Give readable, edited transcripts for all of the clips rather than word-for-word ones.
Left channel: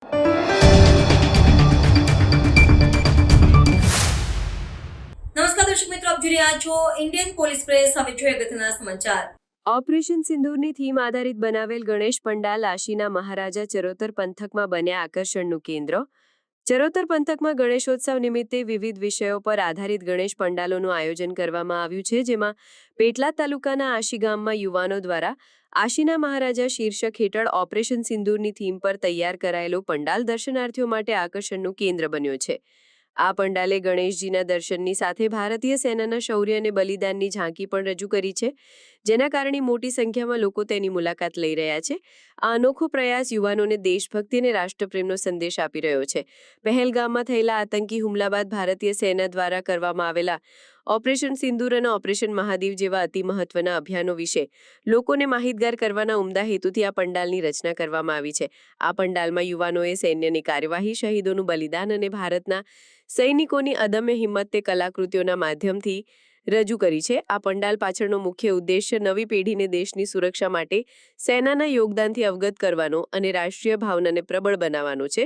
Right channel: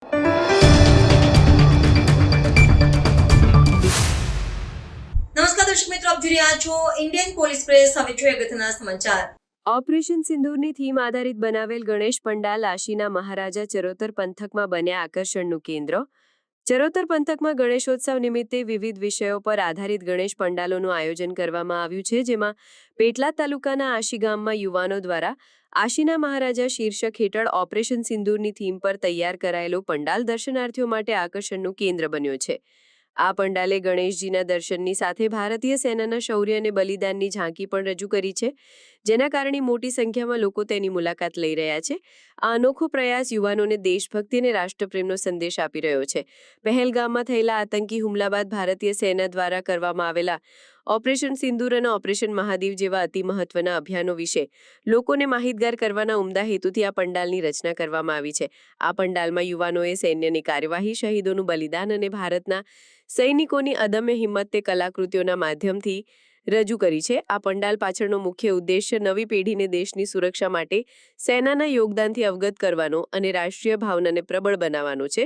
નમસ્કાર દર્શક મિત્રો, આપ જોઈ રહ્યા છો ઇન્ડિયન પોલીસ પ્રેસ. હવે જોઈએ અગત્યના સમાચાર. ઓપરેશન સિંદૂરની થીમ આધારિત બનાવેલ ગણેશ પંડાલ આશીના મહારાજા ચરોતર પંથકમાં બન્યા આકર્ષણનું કેન્દ્ર. ચરોતર પંથકમાં ગણેશોત્સવ નિમિત્તે વિવિધ વિષયો પર આધારિત ગણેશ પંડાલોનું આયોજન કરવામાં આવ્યું છે, જેમાં પેટલાદ તાલુકાના આશી ગામમાં યુવાનો દ્વારા આશીના મહારાજા શીર્ષક હેઠળ ઓપરેશન સિંદૂરની થીમ પર તૈયાર કરાયેલો પંડાલ દર્શનાર્થીઓ માટે આકર્ષણનું કેન્દ્ર બન્યો છે. આ પંડાલે ગણેશજીના દર્શનની સાથે ભારતીય સેનાના શૌર્ય અને બલિદાનની ઝાંકી પણ રજૂ કરી છે, જેના કારણે મોટી સંખ્યામાં લોકો તેની મુલાકાત લઈ રહ્યા છે. આ અનોખો પ્રયાસ યુવાનોને દેશભક્તિ અને રાષ્ટ્રપ્રેમનો સંદેશ આપી રહ્યો છે. પહેલગામમાં થયેલા આતંકી હુમલા બાદ ભારતીય સેના દ્વારા કરવામાં આવેલા ઓપરેશન સિંદૂર અને ઓપરેશન મહાદેવ જેવા અતિ મહત્વના અભિયાનો વિશે લોકોને માહિતગાર કરવાના ઉમદા હેતુથી આ પંડાલની રચના કરવામાં આવી છે. આ પંડાલમાં યુવાનોએ સૈન્યની કાર્યવાહી, શહીદોનું બલિદાન અને ભારતના સૈનિકોની અદમ્ય હિંમત તે કલાકૃતિઓના માધ્યમથી રજૂ કરી છે. આ પંડાલ પાછળનો મુખ્ય ઉદ્દેશ્ય નવી પેઢીને દેશની સુરક્ષા માટે સેનાના યોગદાનથી અવગત કરવાનો અને રાષ્ટ્રીય ભાવનાને પ્રબળ બનાવવાનો છે.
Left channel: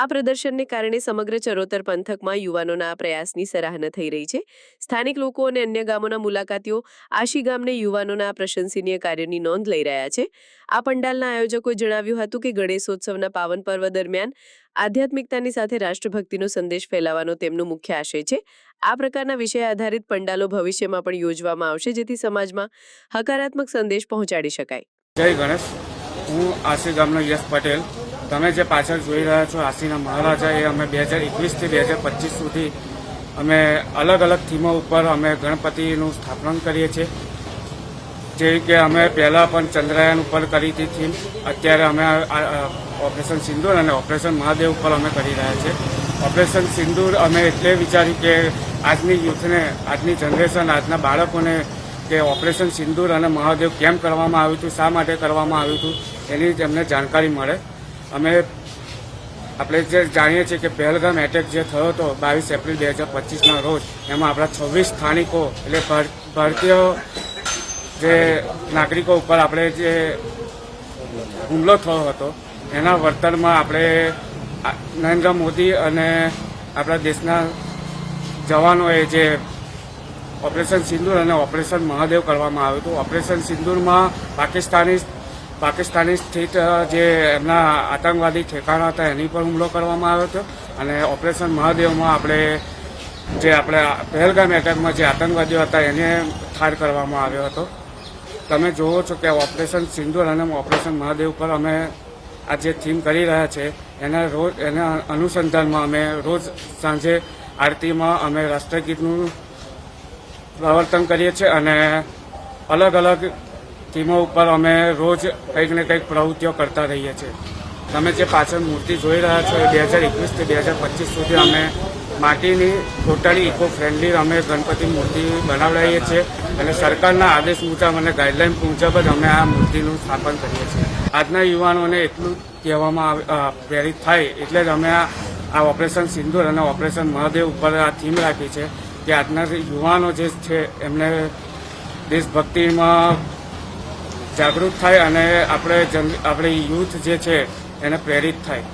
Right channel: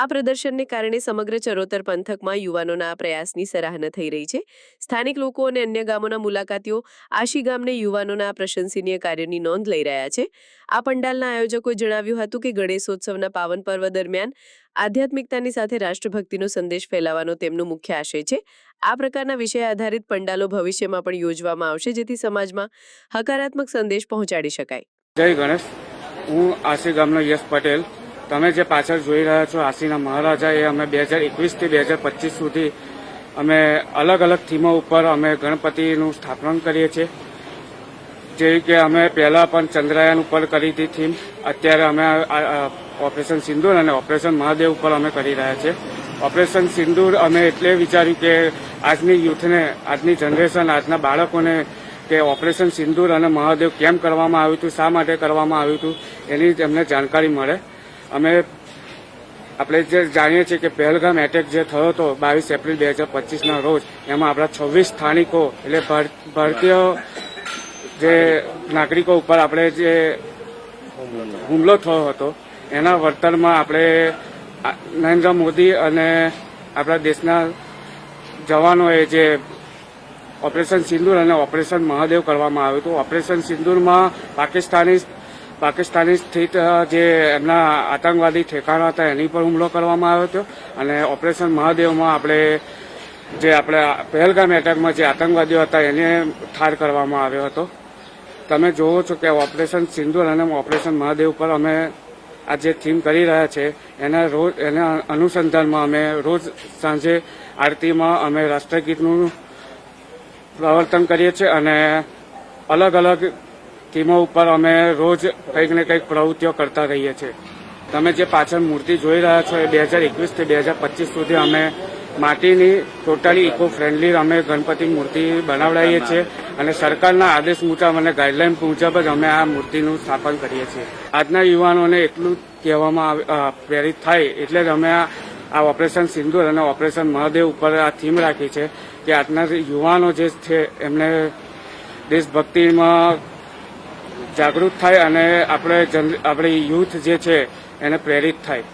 આ પ્રદર્શનને કારણે સમગ્ર ચરોતર પંથકમાં યુવાનોના આ પ્રયાસની સરાહના થઈ રહી છે. સ્થાનિક લોકો અને અન્ય ગામોના મુલાકાતીઓ આશી ગામને યુવાનોના આ પ્રશંસનીય કાર્યની નોંધ લઈ રહ્યા છે. આ પંડાલના આયોજકોએ જણાવ્યું હતું કે ગણેશોત્સવના પાવન પર્વ દરમિયાન આધ્યાત્મિકતાની સાથે રાષ્ટ્રભક્તિનો સંદેશ ફેલાવવાનો તેમનો મુખ્ય આશય છે. આ પ્રકારના વિષય આધારિત પંડાલો ભવિષ્યમાં પણ યોજવામાં આવશે, જેથી સમાજમાં હકારાત્મક સંદેશ પહોંચાડી શકાય. જય ગણેશ. હું આશી ગામનો યશ પટેલ. તમે જે પાછળ જોઈ રહ્યા છો આશીના મહારાજા, એ અમે 2021થી 2025 સુધી અમે અલગ અલગ થીમો ઉપર અમે ગણપતિનું સ્થાપન કરીએ છીએ. જે કે અમે પહેલાં પણ ચંદ્રયાન ઉપર કરી હતી થીમ, અત્યારે અમે ઓપરેશન સિંદૂર અને ઓપરેશન મહાદેવ ઉપર અમે કરી રહ્યા છીએ. ઓપરેશન સિંદૂર અમે એટલે વિચાર્યું કે આજની યુથને, આજની જનરેશન, આજના બાળકોને કે ઓપરેશન સિંદૂર અને મહાદેવ કેમ કરવામાં આવ્યું હતું, શા માટે કરવામાં આવ્યું હતું, એની તેમને જાણકારી મળે. આપણે જે જાણીએ છીએ કે પહેલગામ એટેક જે થયો હતો 22 એપ્રિલ 2025ના રોજ, એમાં આપણા 26 સ્થાનિકો એટલે ભારતીય જે નાગરિકો ઉપર આપણે જે હુમલો થયો હતો, એના વળતરમાં આપણે નરેન્દ્ર મોદી અને આપણા દેશના જવાનોએ જે ઓપરેશન સિંદૂર અને ઓપરેશન મહાદેવ કરવામાં આવ્યું હતું. ઓપરેશન સિંદૂરમાં પાકિસ્તાની સ્થિત જે એમના આતંકવાદી ઠેકાણા હતા એની પર હુમલો કરવામાં આવ્યો હતો, અને ઓપરેશન મહાદેવમાં આપણે પહેલગામ એટેકમાં જે આતંકવાદીઓ હતા એને ઠાર કરવામાં આવ્યો હતો. તમે જોવો છો કે ઓપરેશન સિંદૂર અને ઓપરેશન મહાદેવ પર અમે આ જે થીમ કરી રહ્યા છે એના અનુસંધાનમાં અમે રોજ સાંજે આરતીમાં અમે રાષ્ટ્રગીતનું પ્રવર્તન કરીએ છીએ, અને અલગ અલગ થીમો ઉપર અમે રોજ કંઈક ને કંઈક પ્રવૃત્તિઓ કરતા રહીએ છીએ. તમે જે પાછળ મૂર્તિ જોઈ રહ્યા છો 2021થી 2025 સુધી અમે માટીની ટોટલી ઇકો ફ્રેન્ડલી અમે ગણપતિ મૂર્તિ બનાવડાવીએ છીએ, અને સરકારના આદેશ મુજબ અને ગાઈડલાઇન મુજબ જ અમે આ મૂર્તિનું સ્થાપન કરીએ છીએ. આજના યુવાનોને એટલું કહેવામાં પ્રેરિત થાય એટલે જ અમે આ ઓપરેશન સિંદૂર અને ઓપરેશન મહાદેવ ઉપર આ થીમ રાખી છે કે આજના યુવાનો જે છે એમને દેશભક્તિમાં જાગૃત થાય અને આપણે યુથ જે છે એને પ્રેરિત થાય.